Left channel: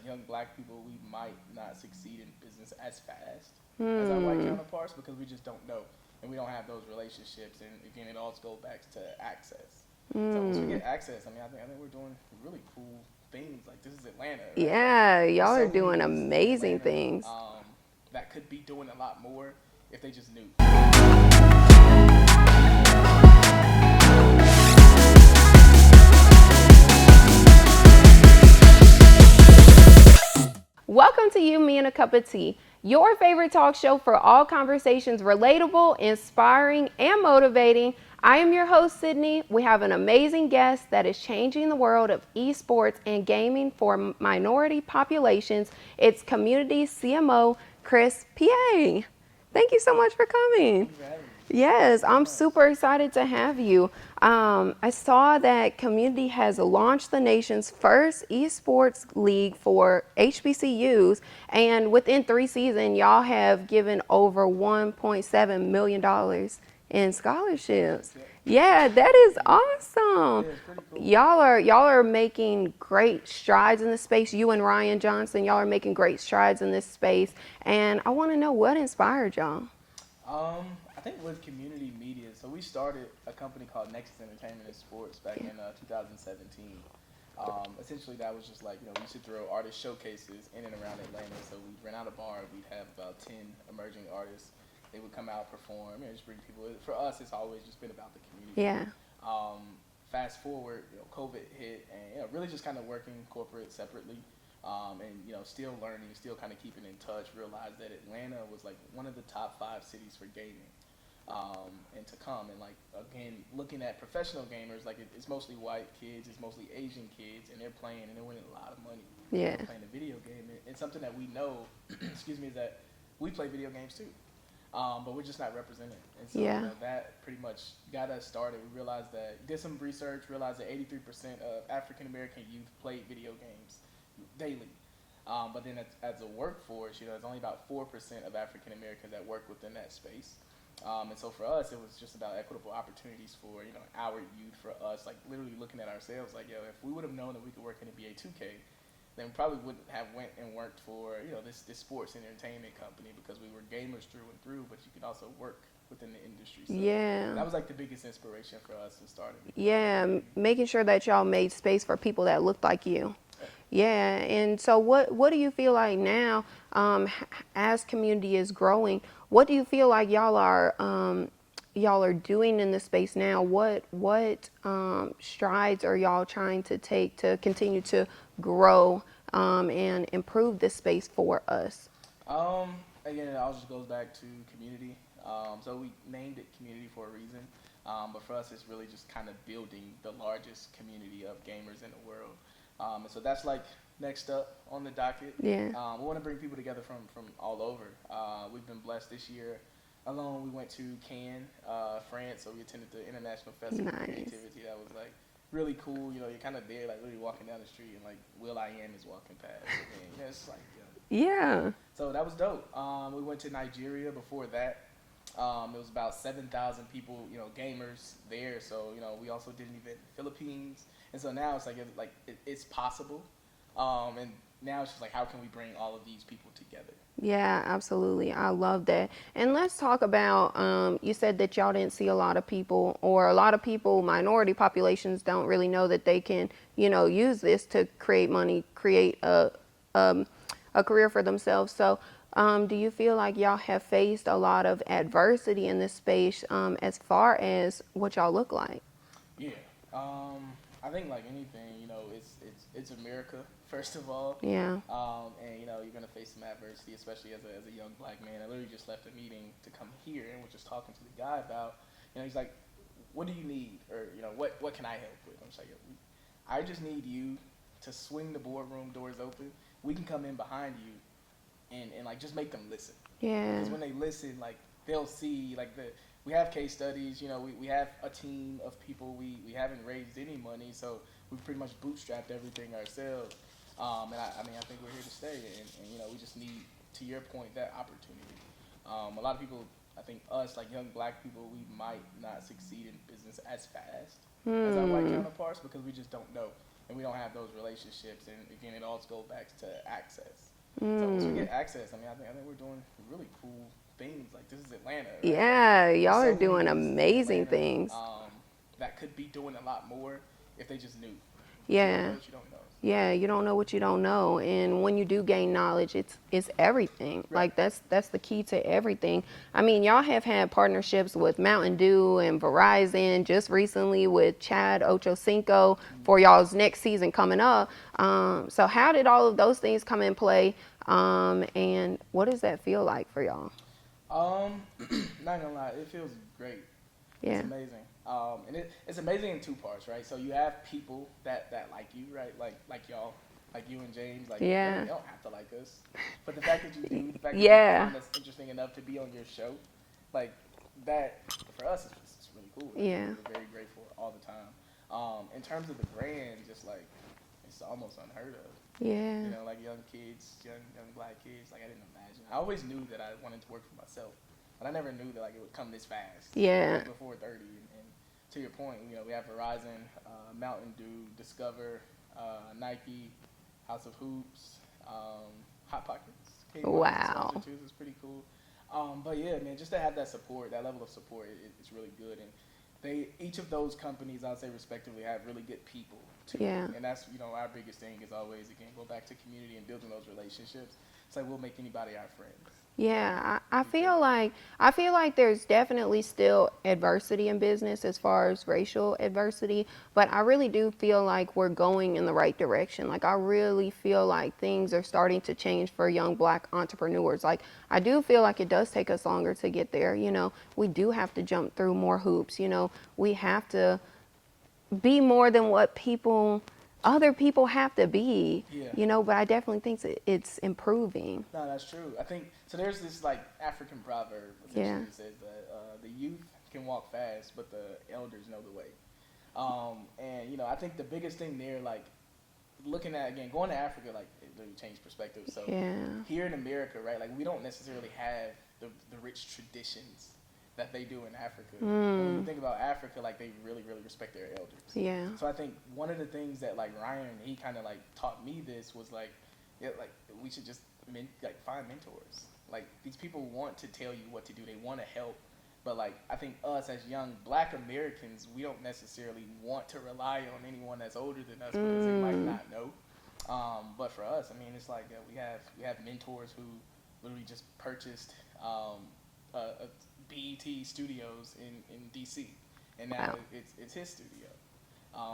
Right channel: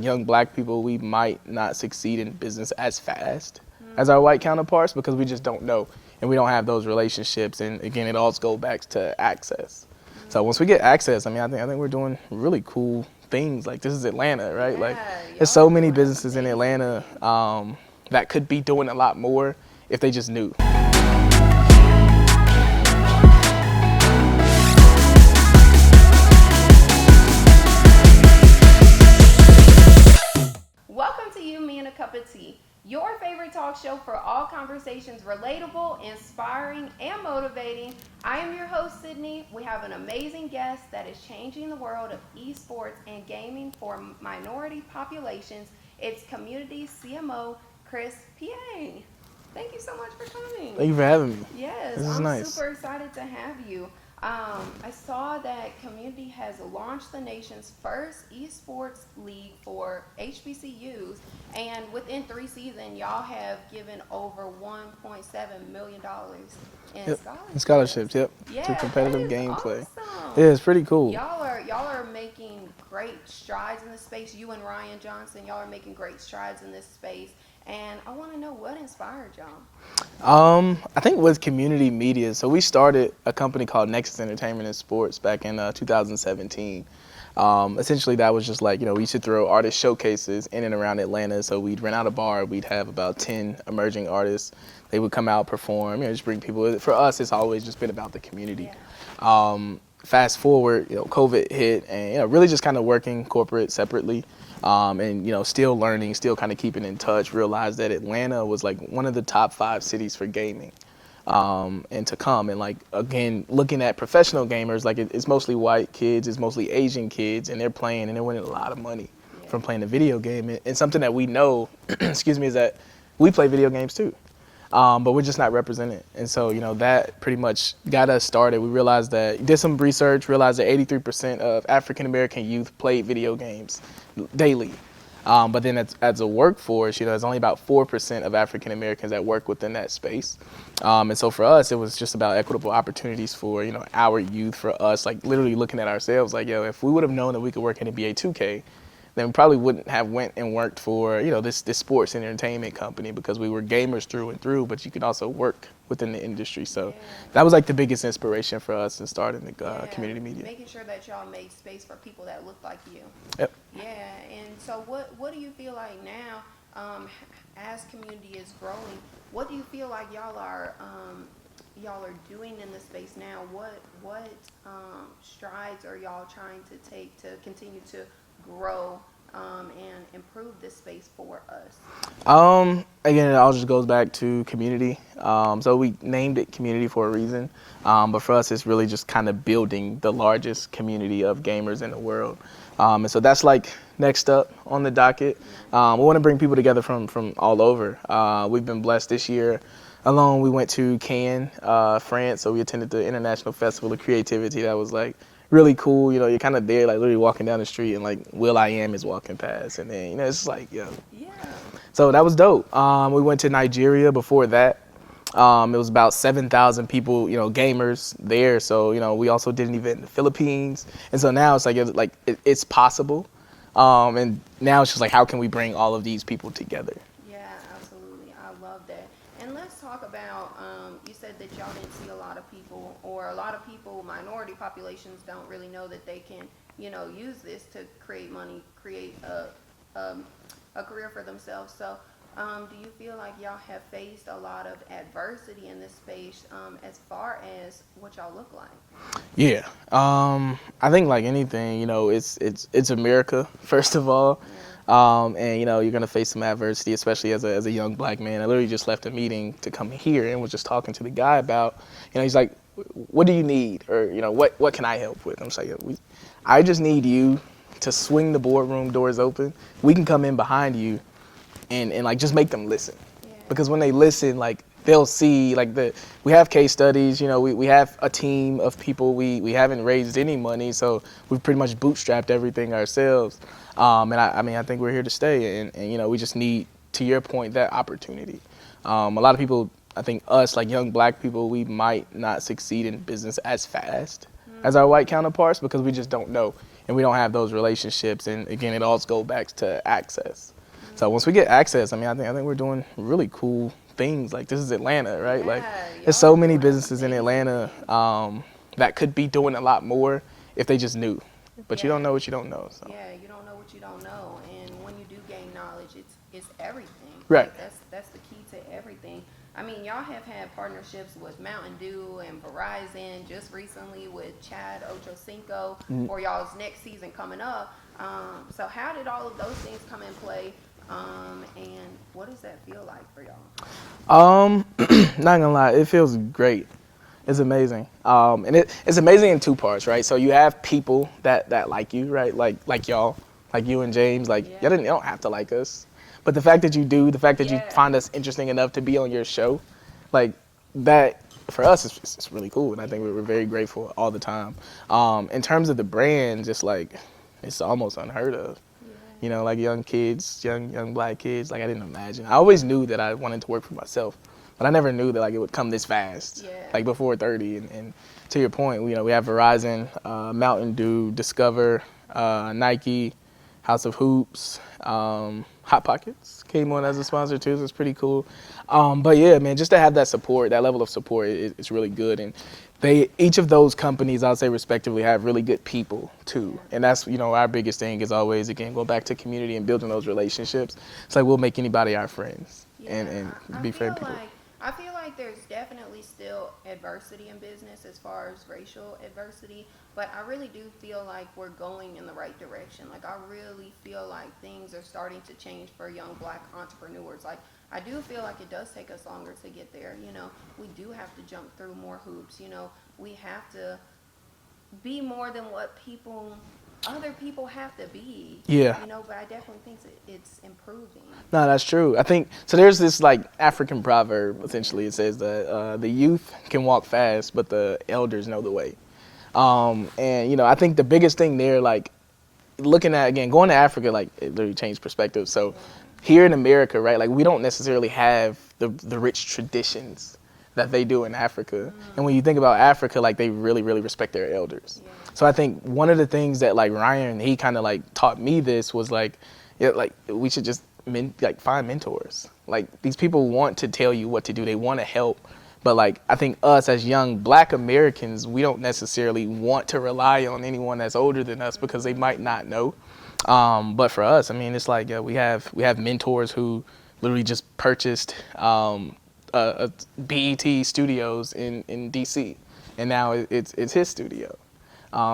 Young black people, we might not succeed in business as fast as our white counterparts because we just don't know and we don't have those relationships. And again, it all goes back to access. So once we get access, I think we're doing really cool things. Like, this is Atlanta, right? Yeah, like, y'all there's so are many doing businesses in amazing Atlanta that could be doing a lot more if they just knew. Welcome to You, Me, and a Cup of Tea, your favorite talk show for all conversations relatable, inspiring, and motivating. I am your host, Sydney. We have an amazing guest that is changing the world of esports and gaming for minority populations. It's community CMO, Peay. Thank you so much for coming. Thank you for having me. Yes, I'm nice. super excited to have you. I saw that Community has launched the nation's first esports league for HBCUs, and within 3 seasons, y'all have given over $1.7 million in scholarships. Scholarships, yep. Yeah, that is awesome. Yeah, it's pretty cool. Y'all are making great strides in this space. You and Ryan Johnson, y'all are making great strides in this space. And I want to know what inspired y'all. I think with community media, so we started a company called Nexus Entertainment and Sports back in 2017. Essentially, that was just like, we used to throw artist showcases in and around Atlanta. So we'd rent out a bar, we'd have about 10 emerging artists. They would come out, perform, just bring people. For us, it's always just been about the community. Yeah. Fast forward, COVID hit, and really just kind of working corporate separately. And still learning, still kind of keeping in touch, realized that Atlanta was like one of the top 5 cities for gaming and to come. And like, again, looking at professional gamers, like it's mostly white kids, it's mostly Asian kids, and they're playing and they're winning a lot of money from playing a video game. And something that we know, excuse me, is that we play video games too. But we're just not represented. And so, that pretty much got us started. We realized that, did some research, realized that 83% of African-American youth played video games daily. But then as a workforce, it's only about 4% of African-Americans that work within that space. And so for us, it was just about equitable opportunities for, our youth, for us, like literally looking at ourselves like, if we would have known that we could work in NBA 2K, then we probably wouldn't have went and worked for, this sports and entertainment company because we were gamers through and through, but you could also work within the industry. So that was like the biggest inspiration for us in starting the community media. Making sure that y'all made space for people that looked like you. Yep. Yeah, and so what do you feel like now, as community is growing, what do you feel like y'all are doing in the space now? What strides are y'all trying to take to continue to grow and improve this space for us? Again, it all just goes back to community. So we named it community for a reason. But for us, it's really just kind of building the largest community of gamers in the world. And so that's like next up on the docket. Yeah. We want to bring people together from all over. We've been blessed this year. Alone, we went to Cannes, France. So we attended the International Festival of Creativity. That was like really cool. You're kind of there, like literally walking down the street, and like Will.i.am is walking past, and then it's like, Yeah. So that was dope. We went to Nigeria before that. It was about 7,000 people, gamers there. So we also did an event in the Philippines, and so now it's like it's possible. And now it's just like, how can we bring all of these people together? Yeah, absolutely. I love that. And let's talk about, you said that y'all didn't see a lot of people, or a lot of people, minority populations don't really know that they can, use this to create money, create a career for themselves. So do you feel like y'all have faced a lot of adversity in this space as far as what y'all look like? Yeah. I think like anything, it's America, first of all. Yeah. And you're gonna face some adversity, especially as a young black man. I literally just left a meeting to come here and was just talking to the guy about, he's like, what do you need? Or, what can I help with? I'm just like, I just need you to swing the boardroom doors open. We can come in behind you and like just make them listen. Yeah. Because when they listen, like, they'll see, like, we have case studies, we have a team of people, we haven't raised any money, so we've pretty much bootstrapped everything ourselves. And I think we're here to stay, and we just need, to your point, that opportunity. A lot of people, I think us, like young black people, we might not succeed in business as fast as our white counterparts because we just don't know and we don't have those relationships. And again, it all goes back to access. So once we get access, I mean, I think we're doing really cool things. Like, this is Atlanta, right? Yeah, Like, y'all there's so are many doing businesses in amazing Atlanta things. that could be doing a lot more if they just knew. But you don't know Yeah. what you don't know. So. Yeah, you don't know what you don't know, and when you do gain knowledge, it's everything. Right. Like that's the key to everything. I mean, y'all have had partnerships with Mountain Dew and Verizon just recently with Chad Ochocinco for y'all's next season coming up. So how did all of those things come in play, and what does that feel like for y'all? Not gonna lie, it feels great. It's Yeah. amazing. And it's amazing in two parts, right? So you have people that like you, right? Like y'all, like you and James, like Yeah. you don't have to like us. But the fact that you do, the fact that you Yeah. find us interesting enough to be on your show, like that for us it's really cool. And I think Yeah. we're very grateful all the time. In terms of the brand, just like it's almost unheard of. Yeah. You know, like young kids, young black kids, like I didn't imagine. I always knew that I wanted to work for myself. But I never knew that like it would come this fast. Yeah. Like before 30. And to your point, you know, we have Verizon, Mountain Dew, Discover, Nike, House of Hoops, Hot Pockets came on as a sponsor too. So it's pretty cool. But yeah, man, just to have that support, that level of support, it's really good. And each of those companies, I'll say respectively, have really good people too. Yeah. And that's, you know, our biggest thing is always, again, go back to community and building those relationships. It's like we'll make anybody our friends. Yeah, and I be fair feel people. like I feel like there's definitely still adversity in business as far as racial adversity, but I really do feel like we're going in the right direction. Like I really feel like things are starting to change for young black entrepreneurs. Like I do feel like it does take us longer to get there. You know, we do have to jump through more hoops. You know, we have to be more than what other people have to be. Yeah. You know, but I definitely think it's improving. No, that's true. I think so. There's this like African proverb. Essentially, Yeah. it says that the youth can walk fast, but the elders know the way. And you know, I think the biggest thing there, like looking at again going to Africa, like it literally changed perspective. So Yeah. here in America, right, like we don't necessarily have the rich traditions that they do in Africa. And when you think about Africa, like they really, really respect their elders. Yeah. So I think one of the things that like Ryan, he kind of like taught me this was like, yeah, like we should just find mentors. Like these people want to tell you what to do. They want to help. But like I think us as young black Americans, we don't necessarily want to rely on anyone that's older than us because they might not know. But for us, I mean, it's like we have mentors who literally just purchased BET Studios in DC, and now it's his studio.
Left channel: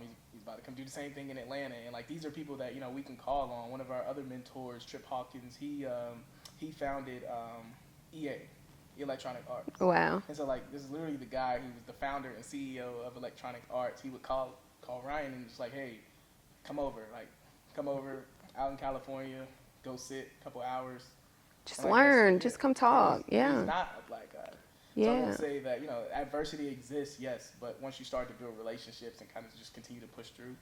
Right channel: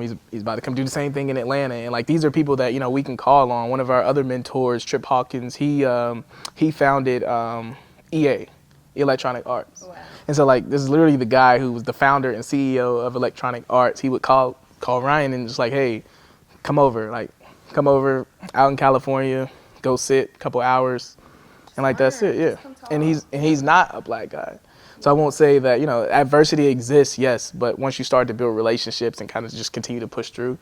He's about to come do the same thing in Atlanta, and like these are people that you know we can call on. One of our other mentors, Trip Hawkins, he founded EA, Electronic Arts. Wow. And so like this is literally the guy who was the founder and CEO of Electronic Arts. He would call Ryan and just like, hey, come over out in California, go sit a couple hours. Just And like learn. that's it, yeah. Just come talk. And he's not a black guy. So I Yeah. won't say that, you know, adversity exists, yes, but once you start to build relationships and kind of just continue to push through,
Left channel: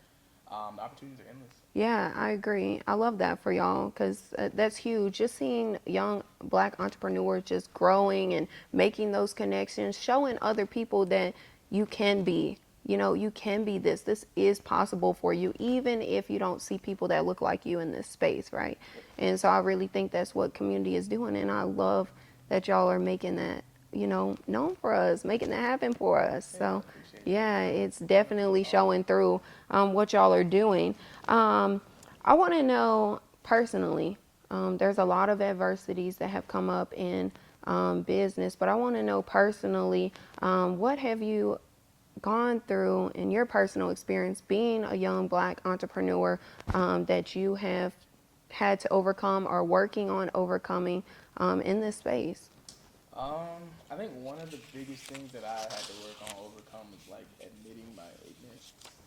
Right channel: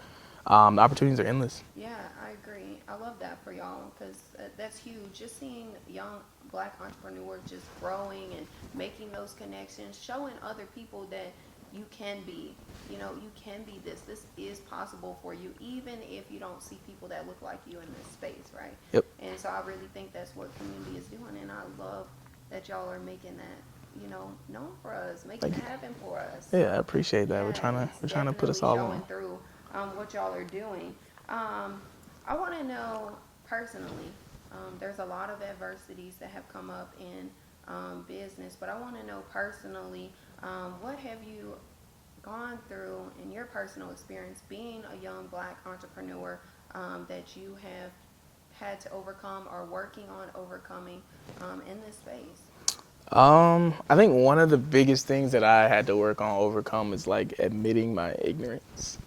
the opportunities are endless. Yeah, I agree. I love that for y'all because that's huge. Just seeing young black entrepreneurs just growing and making those connections, showing other people that you can be, you know, you can be this. This is possible for you, even if you don't see people that look like you in this space, right? Yep. And so I really think that's what community is doing. And I love that y'all are making that, you know, known for us, making it happen for us. Yeah, So, I appreciate that. yeah, it's we're trying to put definitely us all showing on. through what y'all are doing. I want to know personally, there's a lot of adversities that have come up in business, but I want to know personally, what have you gone through in your personal experience being a young black entrepreneur that you have had to overcome or working on overcoming in this space? I think one of the biggest things that I had to work on overcome is like admitting my ignorance.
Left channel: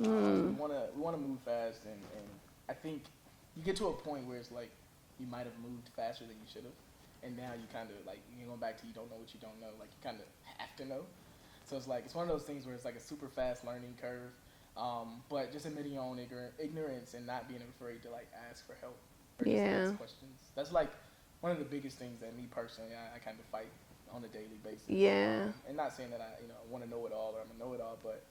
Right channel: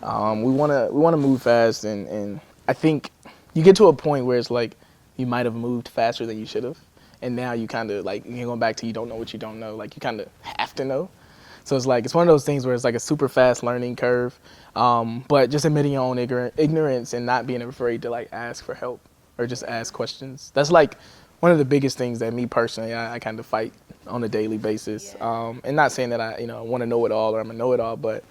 We wanna move fast, and I think you get to a point where it's like you might have moved faster than you should have, and now you kind of like you're going back to you don't know what you don't know. Like you kind of have to know. So it's like it's one of those things where it's like a super fast learning curve, but just admitting your own ignorance and not being afraid to like ask for help or just Yeah. ask questions. That's like one of the biggest things that me personally I kind of fight on a daily basis. Yeah. And not saying that I want to know it all or I'm a know it all, but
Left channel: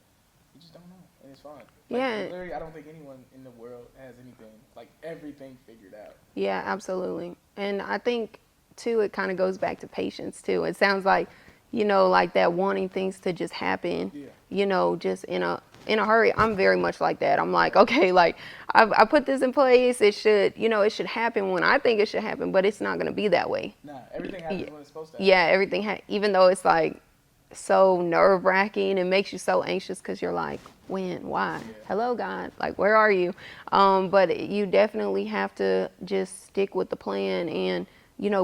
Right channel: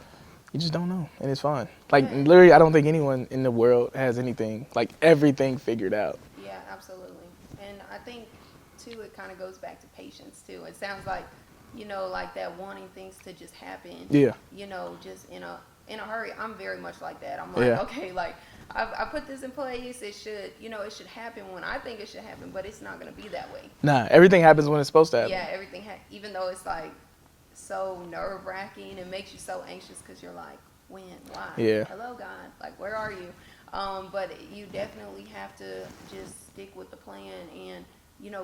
you just don't know, and it's fine. Like, Yeah. literally, I don't think anyone in the world has anything, like, everything figured out. Yeah, absolutely. And I think too, it kind of goes back to patience too. It sounds like, like that wanting things to just happen. Yeah. Just in a hurry. I'm very much like that. I'm like, Yeah. okay, like I put this in place. It should, it should happen when I think it should happen, but it's not gonna be that way. Nah, everything happens when it's supposed to happen. Yeah, everything. Even though it's like so nerve wracking, it makes you so anxious because you're like, when, why? Yeah. Hello, God. Like, where are you? But you definitely have to just stick with the plan and,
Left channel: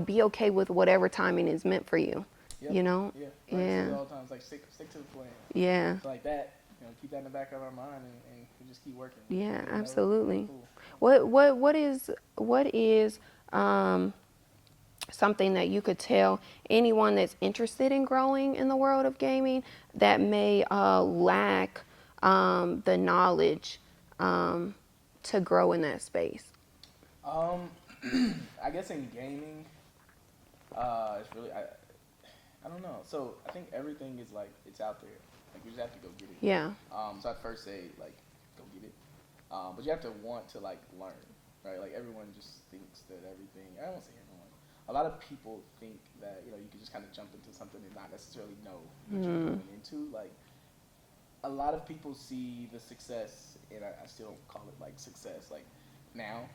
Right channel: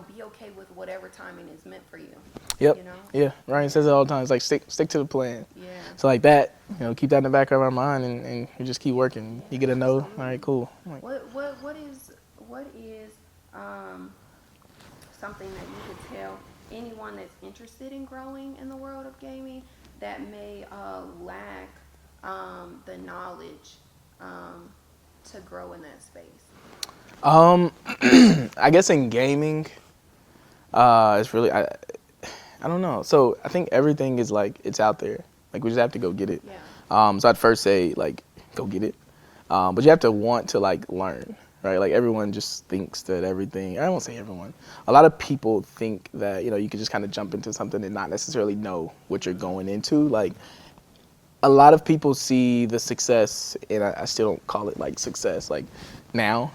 be okay with whatever timing is meant for you. Yep. Yeah. Ryan says it all the time. It's like, stick to the plan. Yeah. So like that, keep that in the back of our mind, and you just keep working. Yeah, You get a no. absolutely. All right, cool. What is something that you could tell anyone that's interested in growing in the world of gaming that may lack the knowledge to grow in that space? I guess in gaming, it's really I don't know. So I think everything is like it's out there. Like we just have to go get it. Yeah. So I'd first say like go get it, but you have to want to like learn, right? Like everyone just thinks that everything. I won't say everyone. A lot of people think that you could just kind of jump into something and not necessarily know what you're going into. Like a lot of people see the success, and I still don't call it like success like now,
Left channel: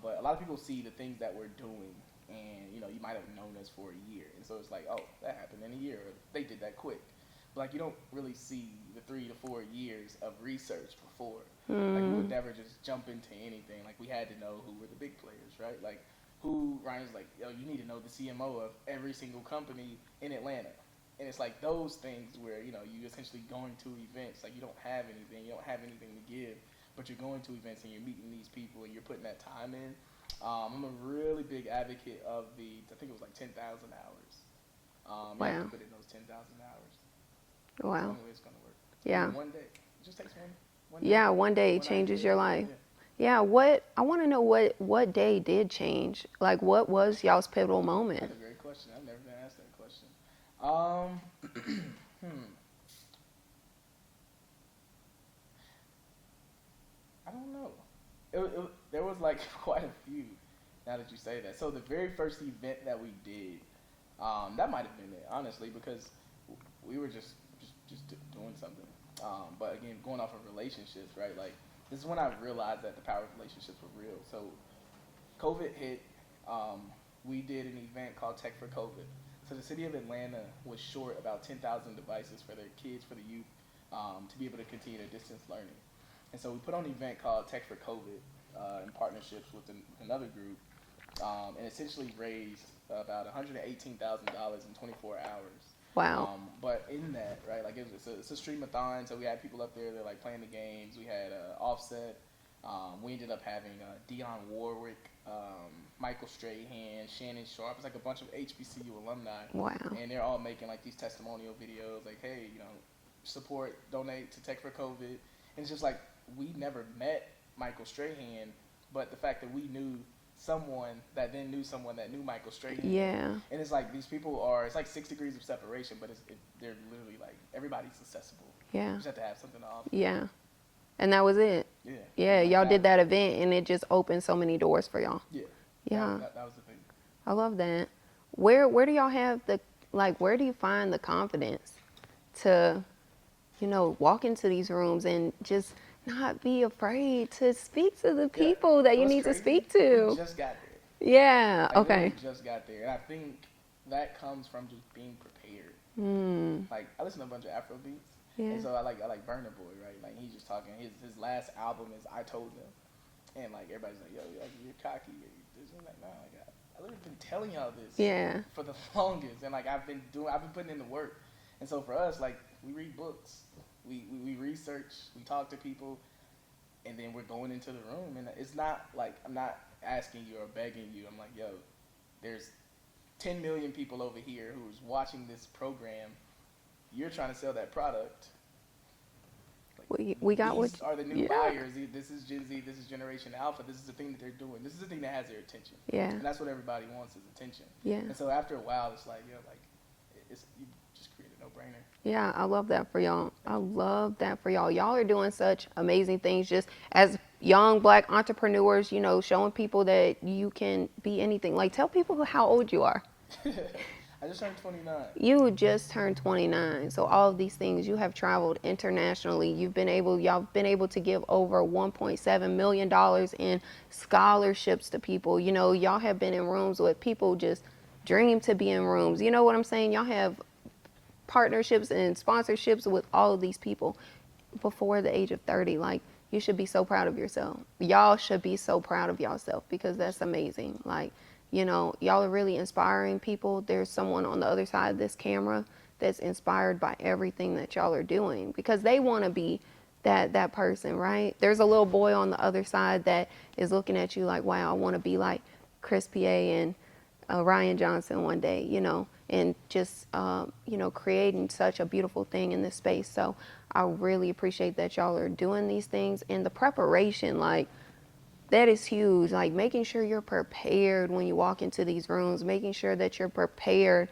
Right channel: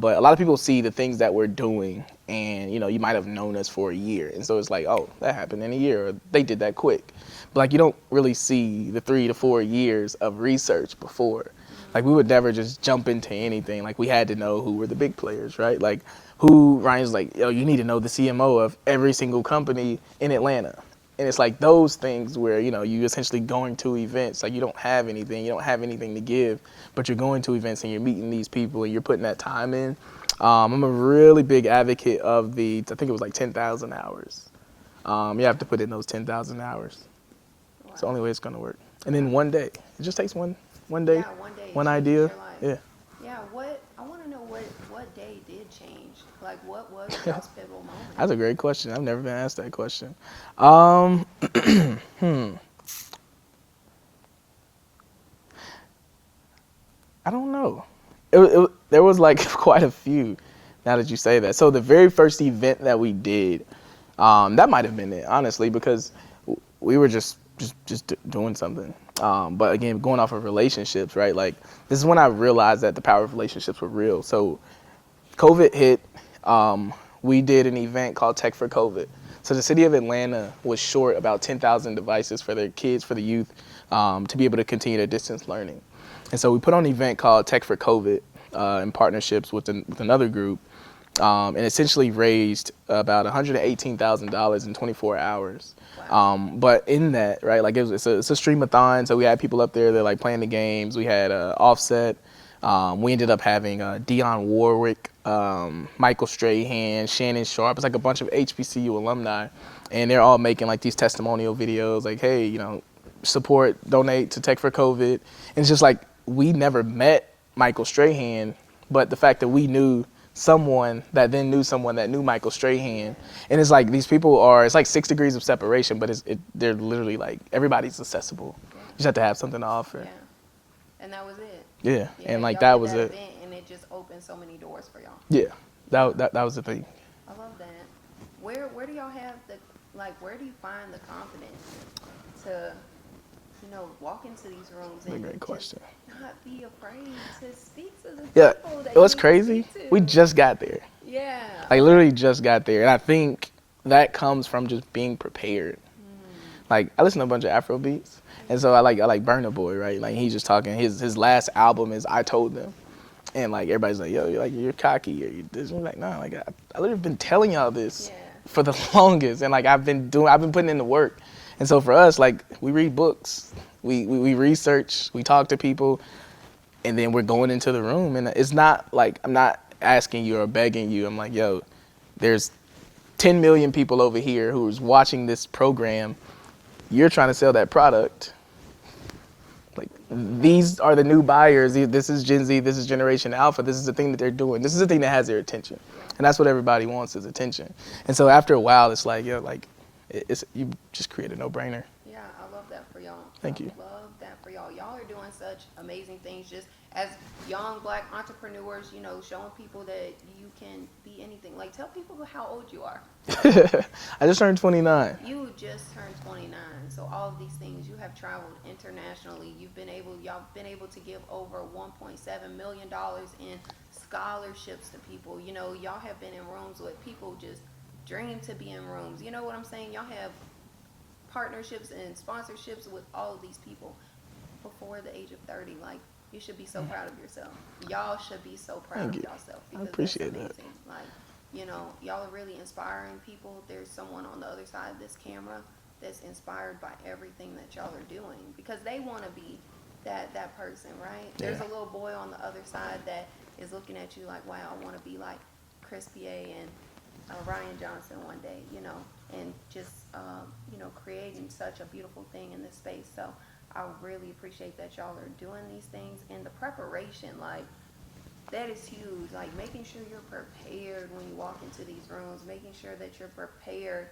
but a lot of people see the things that we're doing, and you might have known us for a year, and so it's like, oh, that happened in a year, or they did that quick. But like you don't really see the 3 to 4 years of research before. Like we would never just jump into anything. Like we had to know who were the big players, right? Like Ryan's like, yo, you need to know the CMO of every single company in Atlanta. And it's like those things where, you essentially going to events, like you don't have anything to give, but you're going to events and you're meeting these people and you're putting that time in. I'm a really big advocate of I think it was like 10,000 hours. You have to put in those 10,000 hours. Wow. It's the only way it's going to work. And Yeah. then one day, it just takes one day. Yeah, one day it one changes idea. your life. Yeah. Yeah, I want to know what day did change? Like, what was y'all's pivotal moment? That's a great question. I've never been asked that question. I don't know. There was like quite a few now that you say that. So the very first event that we did, that might have been it, honestly, because we were just doing something. But again, going off of relationships, right? Like this is when I realized that the power of relationships were real. So COVID hit. We did an event called Tech for COVID. So the city of Atlanta was short about 10,000 devices for their kids, for the youth, to be able to continue their distance learning. And so we put on an event called Tech for COVID in partnerships with another group, and essentially raised about $118,000 in 24 hours. Wow. But in that, right, like it's a streamathon, so we had people up there that like playing the games. We had Offset. We ended up having Dionne Warwick, Michael Strahan, Shannon Sharp. It's like a bunch of HBCU alumni. Wow. And they're all making like these testimonial videos like, hey, support, donate to Tech for COVID. And it's just like, we never met Michael Strahan, but the fact that we knew someone that then knew someone that knew Michael Strahan. Yeah. And it's like, these people it's like 6 degrees of separation, but they're literally like, everybody's accessible. Yeah. You just have to have something to offer. Yeah. And that was it. Yeah. Yeah, and like y'all that did that was event, and it just opened so many doors for y'all. Yeah. Yeah. That was the thing. I love that. Where do y'all have where do you find the confidence to, walk into these rooms and Great just question. not be afraid to speak to the Yeah. people that you What's need crazy? to speak to? We just got there. Yeah. Like literally just got there. And I think that comes from just being prepared. Like I listen to a bunch of Afro beats. And so I like Burna Boy, right? Like he's just talking. His last album is I Told Them. And like everybody's like, yo, you're cocky or you this. And I'm like, nah, like I literally been telling y'all this for the longest. And like I've been putting in the work. And so for us, like we read books, we research, we talk to people, and then we're going into the room. And it's not like I'm not asking you or begging you. I'm like, yo, there's 10 million people over here who's watching this program. You're trying to sell that product. Like these are the new buyers. This is Gen Z. This is Generation Alpha. This is the thing that they're doing. This is the thing that has their attention. Yeah. And that's what everybody wants is attention. Yeah. And so after a while, it's like, yo, like you just create a no-brainer. Yeah, I love that for y'all. Thank you. Love that for y'all. Y'all are doing such amazing things just as young Black entrepreneurs, you know, showing people that you can be anything. Like, tell people how old you are. I just turned 29. You just turned 29. So all of these things, you have traveled internationally. Y'all been able to give over $1.7 million in scholarships to people. You know, y'all have been in rooms with people just dream to be in rooms. You know what I'm saying? Y'all have partnerships and sponsorships with all of these people before the age of 30. Like, you should be so proud of yourself. Y'all should be so proud of yourself because that's amazing. Like, you know, y'all are really inspiring people. There's someone on the other side of this camera that's inspired by everything that y'all are doing because they want to be that person, right? There's a little boy on the other side that is looking at you like, wow, I want to be like Chris Peay and Ryan Johnson one day, you know, and just, you know, creating such a beautiful thing in this space. So I really appreciate that y'all are doing these things and the preparation, like, that is huge. Like, making sure you're prepared when you walk into these rooms, making sure that you're prepared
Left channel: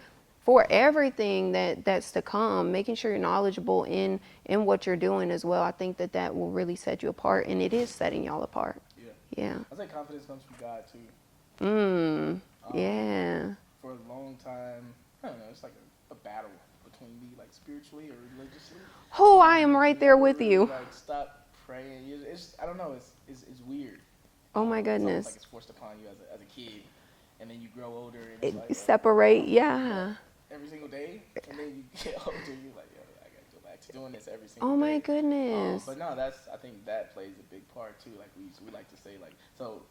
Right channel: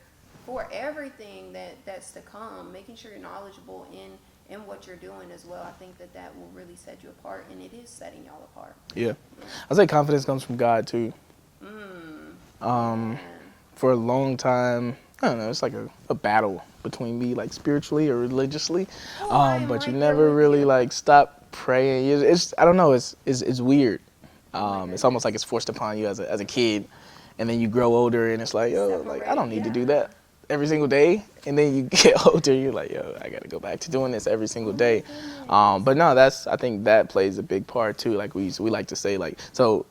for everything that's to come, making sure you're knowledgeable in what you're doing as well. I think that will really set you apart, and it is setting y'all apart. Yeah. Yeah. I say confidence comes from God too. Yeah. For a long time, I don't know, it's like a battle between me, like spiritually or religiously. Oh, I am but right you there never with really you. like stop praying. It's I don't know, it's weird. Oh my goodness. It's almost like it's forced upon you as a kid, and then you grow older, and it's like, yo, separate, I don't need to do that every single day. And then you get older, you're like, yo, I got to go back to doing this every single day. Oh my goodness. But no, I think that plays a big part too. Like we like to say, like, so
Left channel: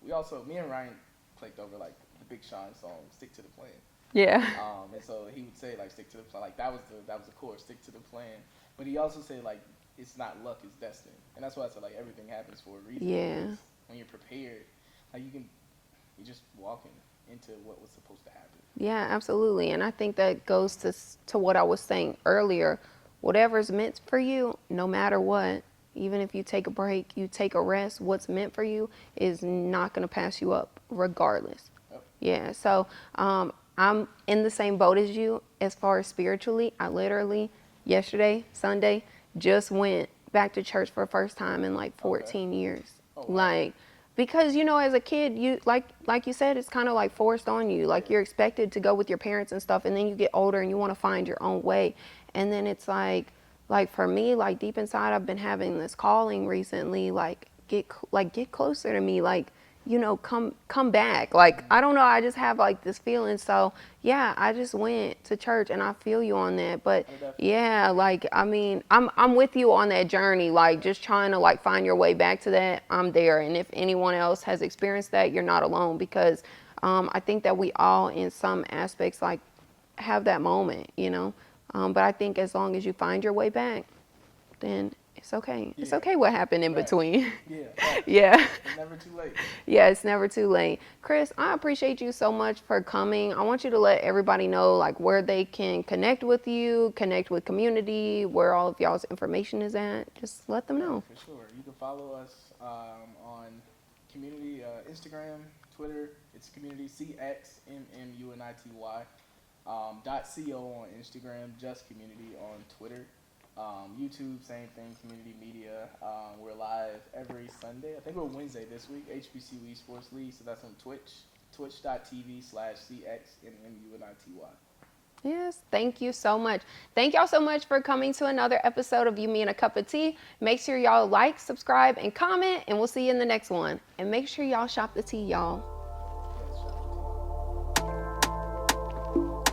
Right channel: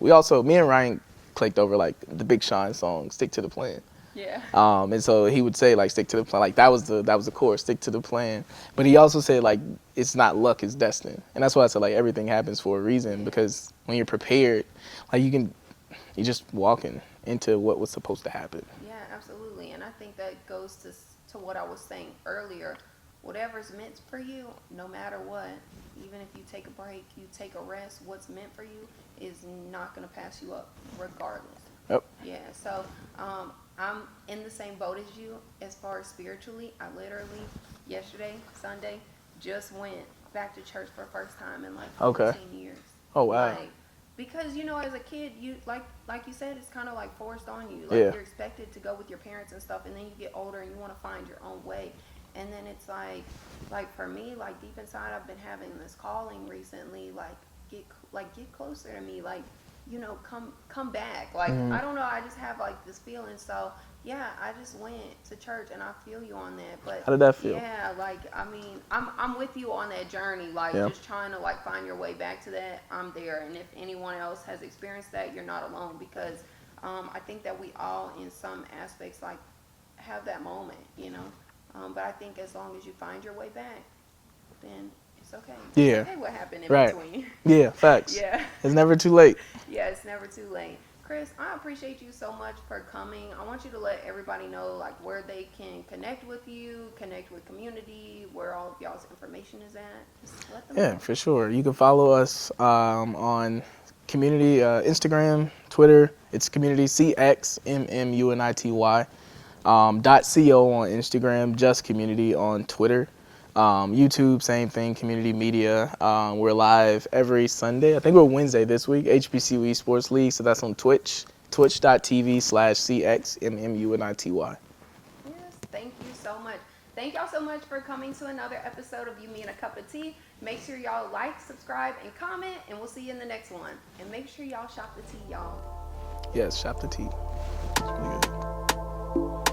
we also, me and Ryan clicked over like the Big Sean song, "Stick to the Plan." Yeah. And so he would say like, stick to the plan. Like that was the chorus, stick to the plan. But he also said like, it's not luck, it's destiny. And that's why I said like everything happens for a reason because when you're prepared, like you're just walking into what was supposed to happen. Yeah, absolutely. And I think that goes to what I was saying earlier. Whatever's meant for you, no matter what, even if you take a break, you take a rest, what's meant for you is not going to pass you up regardless. Yep. Yeah. So, I'm in the same boat as you as far as spiritually. I literally yesterday, Sunday, just went back to church for the first time in like 14 years. Oh, wow. Like, because, you know, as a kid, you like you said, it's kind of like forced on you. Like you're expected to go with your parents and stuff, and then you get older and you want to find your own way. And then it's like for me, like deep inside, I've been having this calling recently, like get closer to me, like, you know, come back. Like, I don't know, I just have like this feeling. So yeah, I just went to church and I feel you on that. But how did that feel? Yeah, like, I mean, I'm with you on that journey, like just trying to like find your way back to that. I'm there. And if anyone else has experienced that, you're not alone because I think that we all in some aspects like have that moment, you know. But I think as long as you find your way back, then it's okay. Yeah. It's okay what happened in between. Yeah, facts. Yeah. It's never too late. Yeah, it's never too late. Chris, I appreciate you so much for coming. I want you to let everybody know like where they can connect with you, connect with community, where all of y'all's information is at. Just let them know. Yeah, for sure. You can follow us on community Instagram, Twitter. It's community CXMMUNITY. .co on Instagram, just community on Twitter. YouTube, same thing, community media. We're live every Sunday. I think we're Wednesday this week, HBCU Esports League. So that's on Twitch, twitch.tv/CXMMUNITY. Yes, thank you so much. Thank y'all so much for coming to another episode of You, Me, and a Cup of Tea. Make sure y'all like, subscribe, and comment, and we'll see you in the next one. And make sure y'all shop the tea, y'all. Yes, shop the tea. It's pretty good.